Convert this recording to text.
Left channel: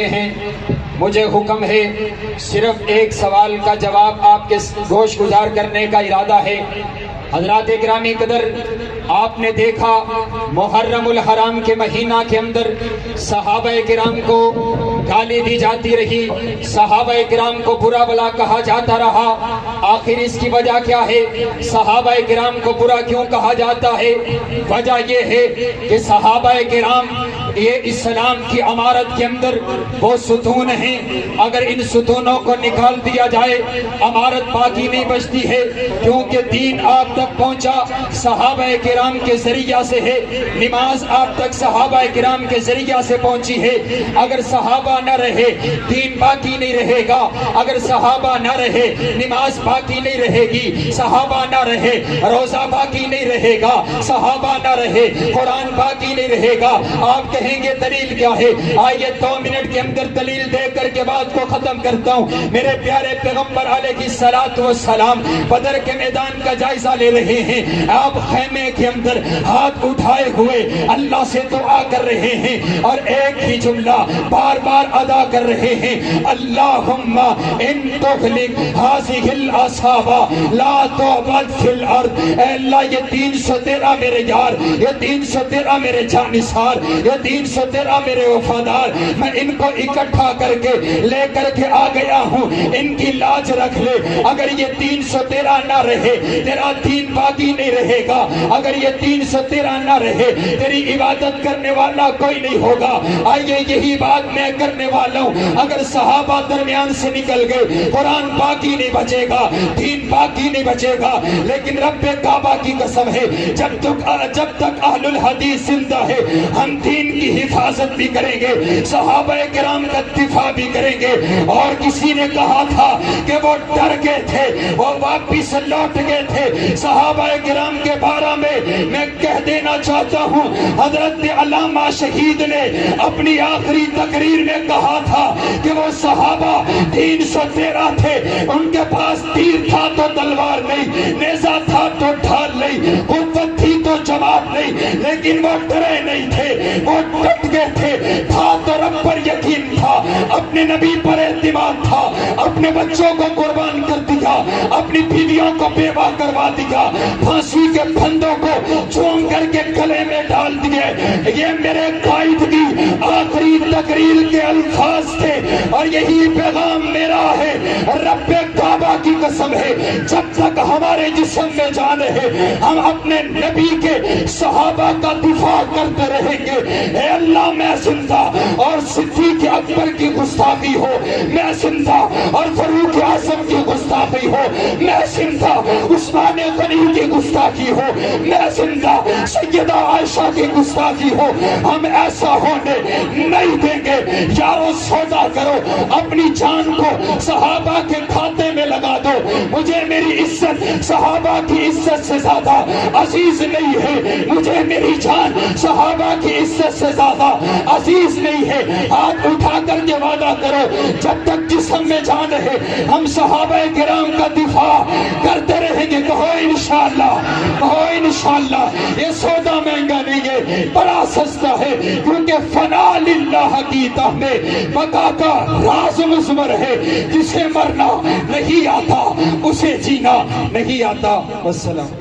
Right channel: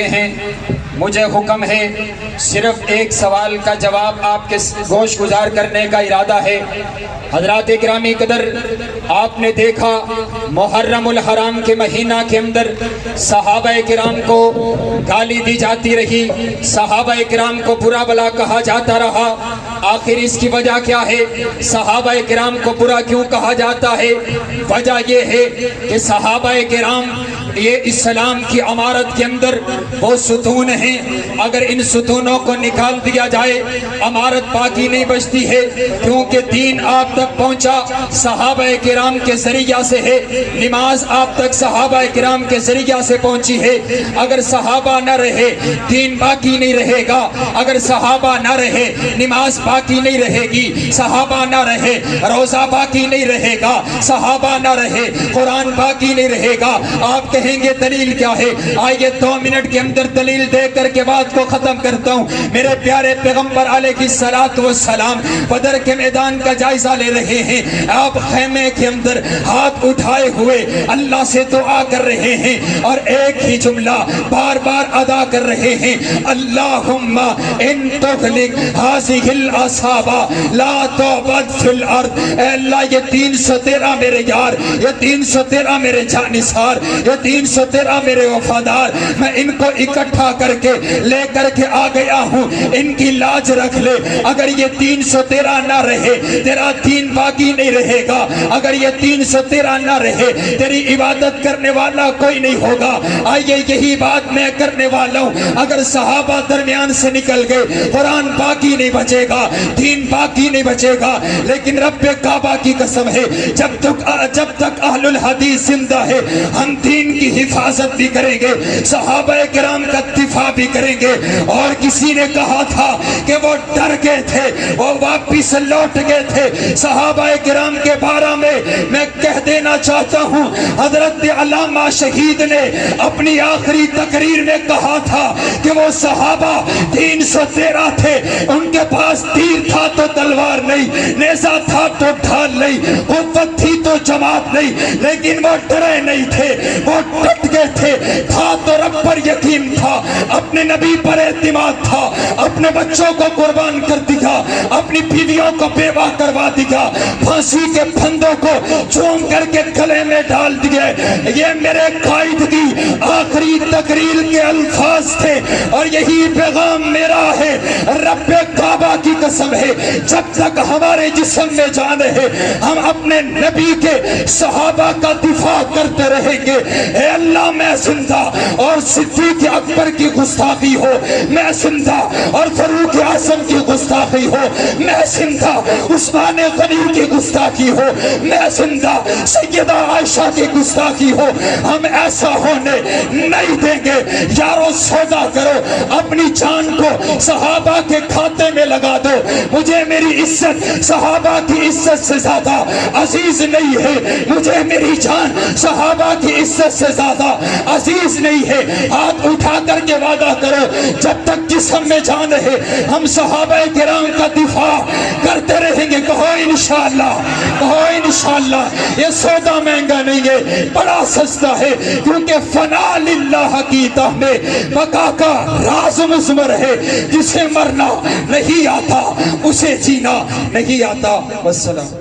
ہیں مجھے حکم ہے صرف ایک سوال کا جواب آپ کے گوش گزار کرنے کا ارادہ ہے۔ حضرات گرامی قدر، آپ نے دیکھا محرم الحرام کے مہینہ کے اندر صحابہ کرام کو گالی دی جاتی رہی، صحابہ کرام کو برا بلا کہا جاتا رہا۔ آخر اس کی وجہ کیا ہے؟ صحابہ کرام کو برا کیوں کہا جاتا ہے؟ وجہ یہ ہے کہ صحابہ کرام یہ اسلام کی عمارت کے اندر وہ ستون ہیں، اگر ان ستونوں کو نکال دیا جائے عمارت باقی نہیں بچتی ہے، کیونکہ دین آپ تک پہنچا صحابہ کرام کے ذریعہ سے ہے، نماز آپ تک صحابہ کرام کے ذریعہ سے پہنچی ہے۔ اگر صحابہ نہ رہے دین باقی نہیں رہے گا، اگر صحابہ نہ رہے نماز باقی نہیں رہے گی، صحابہ نہ رہے روزہ باقی نہیں رہے گا، صحابہ نہ رہے قرآن باقی نہیں رہے گا۔ آپ کہیں گے دلیل کیا ہے؟ آئیے 2 منٹ کے اندر دلیل دے کر کے بات کو ختم کرتا ہوں۔ میرے پیارے پیغمبر علیہ الصلوۃ والسلام بدر کے میدان کا جائزہ لے رہے ہیں، آپ خیمے کے اندر ہاتھ اٹھائے ہوئے اللہ سے دعا کر رہے ہیں اور ایک ہی جملہ بار بار ادا کر رہے ہیں، اللہم ان تغلق ہذہ الاصحاب لا تعبد فی الارض۔ اے اللہ یہ 313 میرے یار، یہ 313 میرے جانثار، یہ 313 میرے وفادار، میں ان کو اکٹھا کر کے لے کر کے آ گیا ہوں، ان کی لاج رکھ لے۔ اگر یہ 313 نہ رہے تیرا دین باقی نہیں رہے گا، اگر یہ 313 نہ رہے تیری عبادت کرنے والا کوئی نہیں ہوگا۔ آئیے یہی بات میں کرنے والا ہوں، اگر صحابہ درمیان سے نکل گئے قرآن باقی نہیں بچے گا، دین باقی نہیں بچے گا۔ لیکن رب کعبہ کی قسم ہے جب تک اہل الحدیث زندہ ہے ہم دین کی حفاظت بھی کریں گے، صحابہ کرام کا دفاع بھی کریں گے۔ اور کسی نے کہا تھا کہ وہ ڈر گئے تھے، وہ واپس لوٹ گئے تھے صحابہ کرام کے بارے میں کہہ دینا چاہتا ہوں، حضرت علامہ شہید نے اپنی آخری تقریر میں کہا تھا کہ وہ صحابہ 313 تھے، ان کے پاس تیر تھا تو تلوار نہیں، نیزہ تھا تو ڈھال نہیں، قوت تھی تو جماعت نہیں، لیکن وہ ڈرے نہیں تھے، وہ ڈٹ گئے تھے۔ تھا تو رب پر یقین تھا، اپنے نبی پر اعتماد تھا، اپنے بچوں کو قربان کر دیا، اپنی بیویوں کو بیوہ کروا دیا، پھانسی کے پھندوں کو چوم کر کے گلے میں ڈال دیے۔ یہ میرے قائد کی آخری تقریر کے الفاظ تھے اور یہی پیغام میرا ہے۔ رب کعبہ کی قسم ہے جب تک ہمارے جسم میں جان ہے ہم اپنے نبی کے صحابہ کا دفاع کرتے رہیں گے۔ اے اللہ میں زندہ اور صدیق اکبر کی گستاخی ہو، میں زندہ اور فاروق اعظم کی گستاخی ہو، میں زندہ عثمان غنی کی گستاخی ہو، میں زندہ سیدہ عائشہ کی گستاخی ہو، ہم ایسا ہونے نہیں دیں گے۔ یارو سودا کرو، اپنی جان کو صحابہ کے کھاتے میں لگا دو۔ مجھے میری عزت صحابہ کی عزت سے زیادہ عزیز نہیں ہے، مجھے میری جان صحابہ کی عزت سے زیادہ عزیز نہیں ہے۔ ہاتھ اٹھا کر کے وعدہ کرو جب تک جسم میں جان ہے ہم صحابہ کرام کا دفاع کرتے رہیں گے۔ کہو انشاءاللہ، کہو انشاءاللہ۔ یہ سودا مہنگا نہیں ہے، بڑا سستا ہے، کیونکہ فنا للہ کی تہ میں بقا کا راز مضمر ہے۔ جسے مرنا نہیں آتا اسے جینا نہیں آتا۔ والسلام۔